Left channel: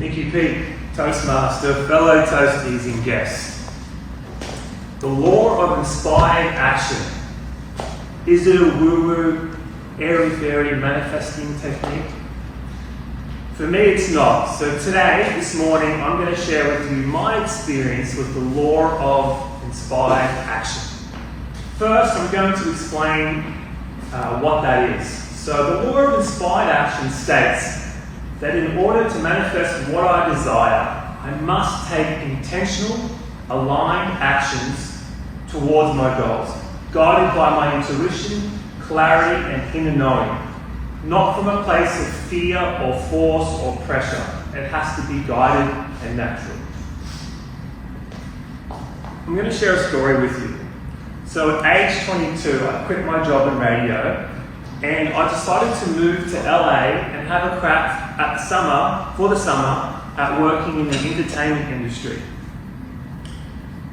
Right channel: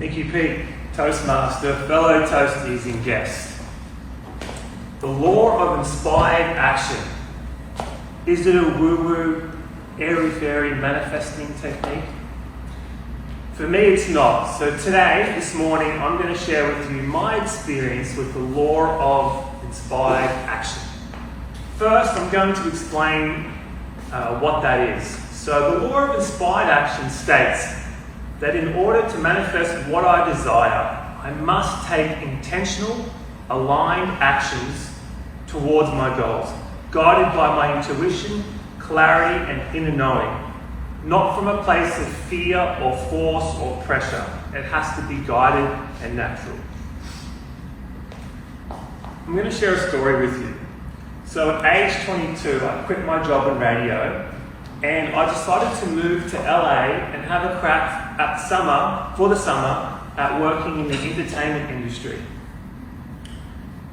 Thank you, Pete, Toastmaster, fellow Toasties and guests. The law of inspired action. Is it a woo-woo, airy-fairy manifesting technique? For me, it's not. So today, this morning, I'm going to share with you my experience with the law of inspired action. First, I'm going to explain what that is. So the law of inspired action states that in order to manifest what I desire, I must take intentional, aligned actions towards my goals, guided by my intuition, clarity, and inner knowing, not from a place of fear or force or pressure. It has to be guided and natural. I'm going to share a story with you. So at age 22, I quit my job in radio, and I decided to move to LA and have a crack for the summer at working in the entertainment industry.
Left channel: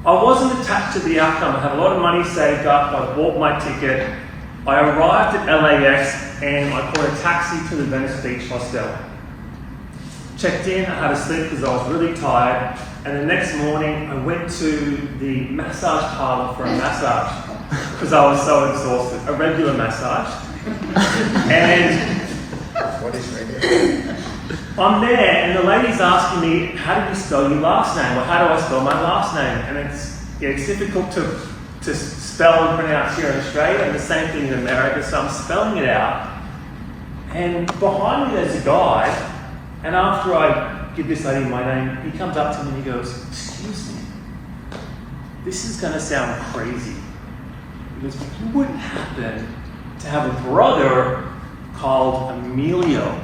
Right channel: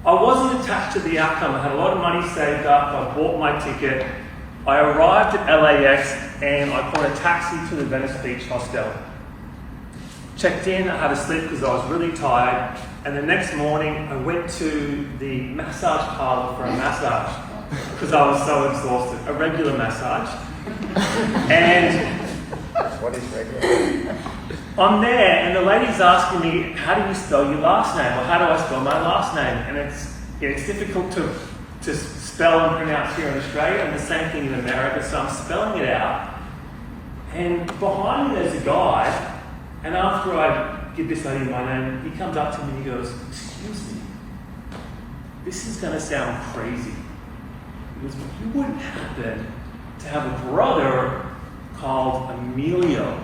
I wasn't attached to the outcome. I had a lot of money saved up. I bought my ticket. I arrived at LAX and I caught a taxi to the Venice Beach hostel. Checked in, I had to sleep because I was really tired, and the next morning I went to the massage parlour for a massage because I was so exhausted, a regular massage. And What is regular? I'm there and the lady's asking me, how do you spell your last name? Or how do I spell my last name? And it's difficult to spell and pronounce here in Australia, and the same thing in America, so I'm spelling it out. And behind me there's a guy, and after I give this lady my name, he comes up to me and he goes, "Excuse me, this is going to sound crazy." He goes, "But you wouldn't happen to have a brother called Emilio?"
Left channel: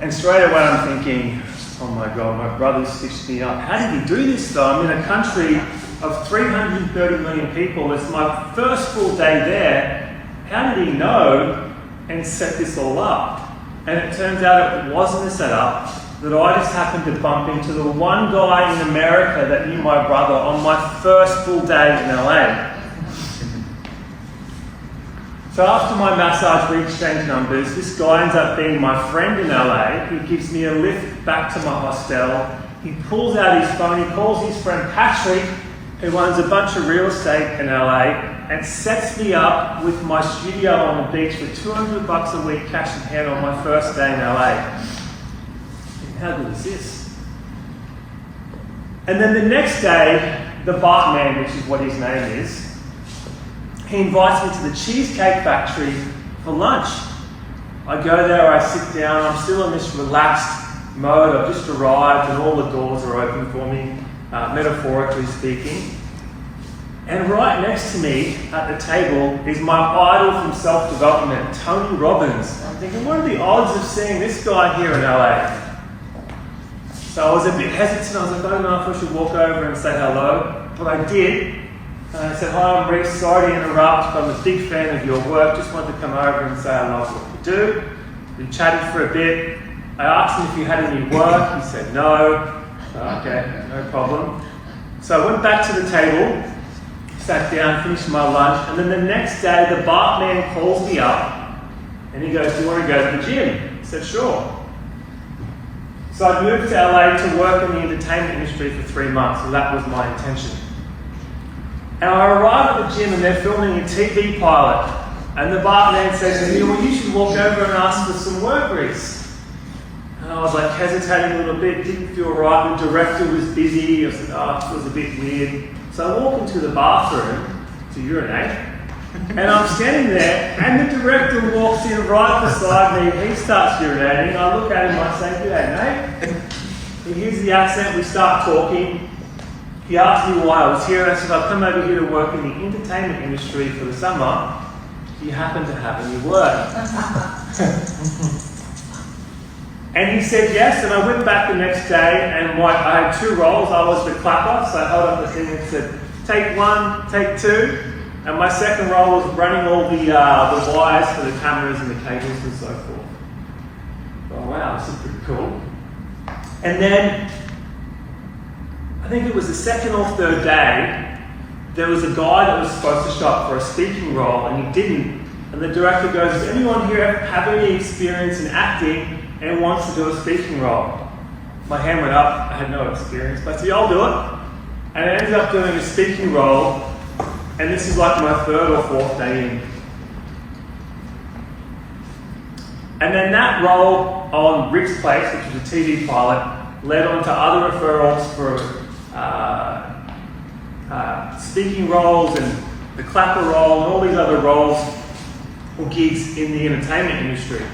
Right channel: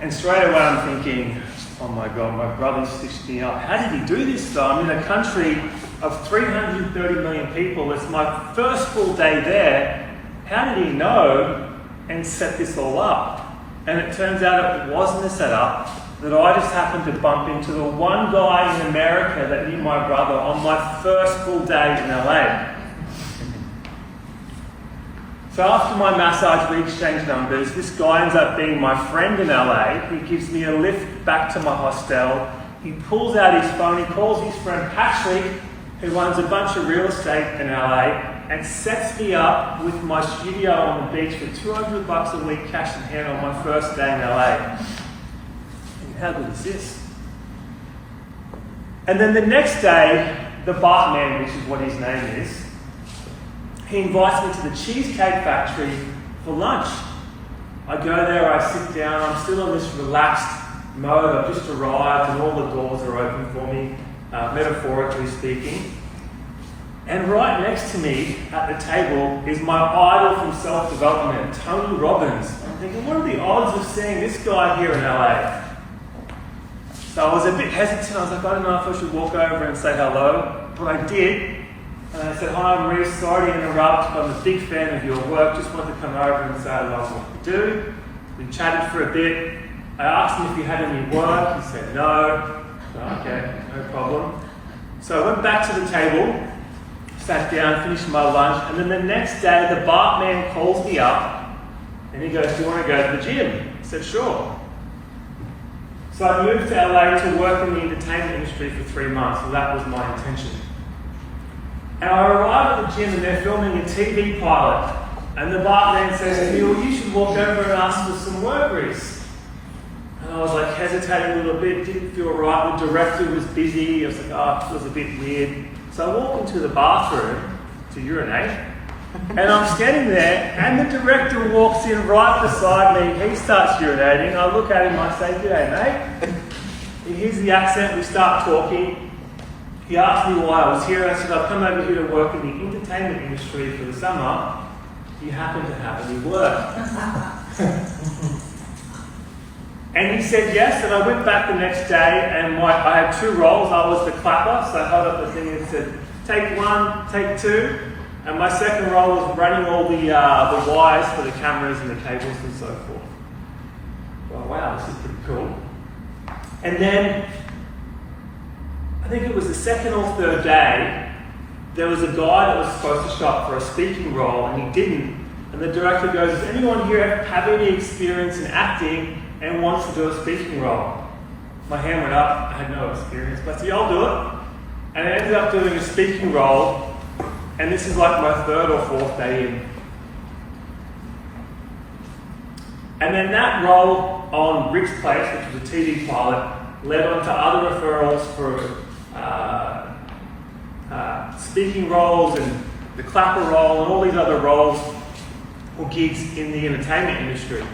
And straight away I'm thinking, oh my God, my brother stitched me up. How did he do this though? I'm in a country of 330 million people. It's my first full day there. How did he know and set this all up? And it turns out it wasn't a setup, that I just happened to bump into the one guy in America that knew my brother on my first full day in LA. So after my massage, we exchanged numbers. This guy ends up being my friend in LA. He gives me a lift back to my hostel. He pulls out his phone. He calls his friend Patrick, who owns a bunch of real estate in LA, and sets me up with my studio on the beach for $200 a week cash in hand on my first day in LA. And how good is this? And then the next day, the Bartman, which is what his name is, he invites me to the Cheesecake Factory for lunch. I go there, I sit down, I'm still in this relaxed mode. I've just arrived and all the doors are open for me, metaphorically speaking. And right next to me at the table is my idol from self-development, Tony Robbins. I'm thinking, what are the odds of seeing this guy here in LA? So I was a bit hesitant. I was like, I don't know if I should walk over and say hello, but I did. And I said, "Hi, I'm Reece, sorry to interrupt, but I'm a big fan of your work. Just wanted to come over and say I love what you do." We chatted for a bit. I asked him if he had any work. He said no. Okay, no problem. So I went back to the table, sat down, finished my lunch, and then the next day the Bartman calls me up and he goes, "Do you want to go to the gym?" I said, "Sure." So I moved to LA to work in the entertainment industry for 3 months, and that was my intention. And I arrive at the gym and they're filming a TV pilot. And the Bartman says to me, "Well, you should walk over and ask for some work, Reece." And I was like hesitating a little bit, didn't feel right. The director was busy. I was like, oh, it feels a bit weird. So I walk into the bathroom to urinate. And I'm standing there and the director walks in right beside me. He starts urinating. I look at him, I say, "G'day, mate." He hears the accent, we start talking. He asked me why I was here, and I said, "I've come over here to work in the entertainment industry for the summer. Do you happen to have any work?" And he said yes, and I went back the next day, and I had 2 roles. I was the clapper, so I held up the thing and said, "Take 1, take 2. And my second role was running all the wires for the cameras and the cables and so forth. Oh wow, this is pretty cool. And then, I think it was the second or third day, there was a guy that was supposed to show up for a speaking role and he didn't. And the director goes, "Does anyone here have any experience in acting and wants to do a speaking role?" My hand went up, I had no experience, but I said, yeah, I'll do it. And I ended up doing a speaking role, and this is like my 3rd or 4th day in. And then that role on Rick's Place, which was a TV pilot, led on to other referrals for speaking roles and the clapper role and all these other roles or gigs in the entertainment industry.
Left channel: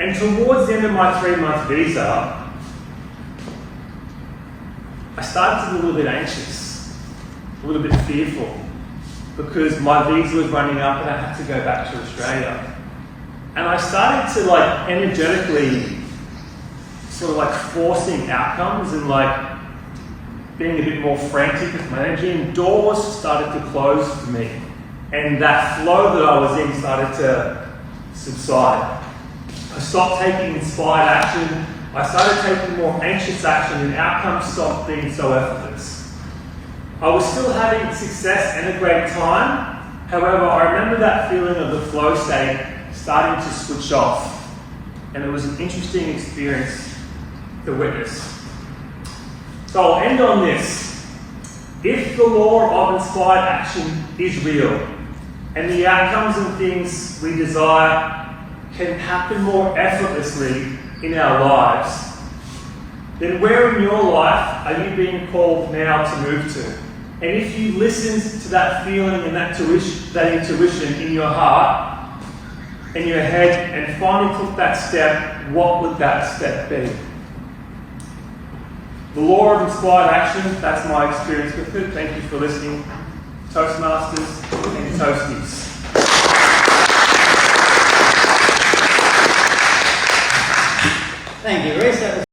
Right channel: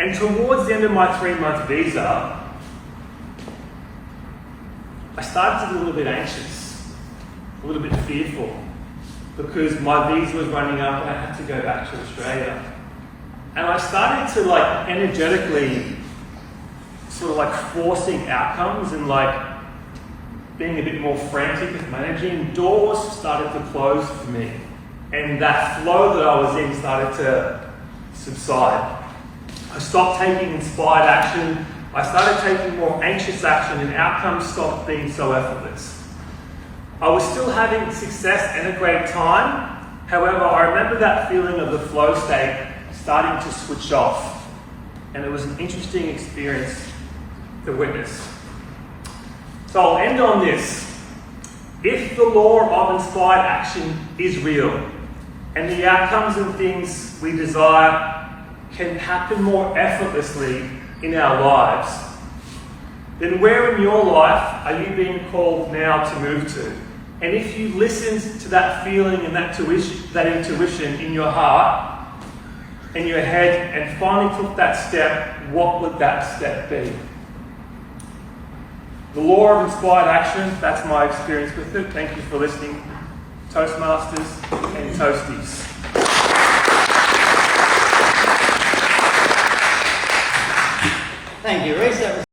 And towards the end of my 3-month visa, I started to be a little bit anxious, a little bit fearful, because my visa was running up and I had to go back to Australia. And I started to energetically sort of forcing outcomes and being a bit more frantic with managing. Doors started to close for me. And that flow that I was in started to subside. I stopped taking inspired action. I started taking more anxious action, and outcomes stopped being so effortless. I was still having success and a great time. However, I remember that feeling of the flow state starting to switch off. And it was an interesting experience to witness. So I'll end on this. If the law of inspired action is real, and the outcomes and things we desire can happen more effortlessly in our lives, then where in your life are you being called now to move to? And if you listened to that feeling and that intuition in your heart and your head and finally took that step, what would that step be? The law of inspired action, that's my experience with it. Thank you for listening, Toastmasters and Toasties. Thank you, Reece. That was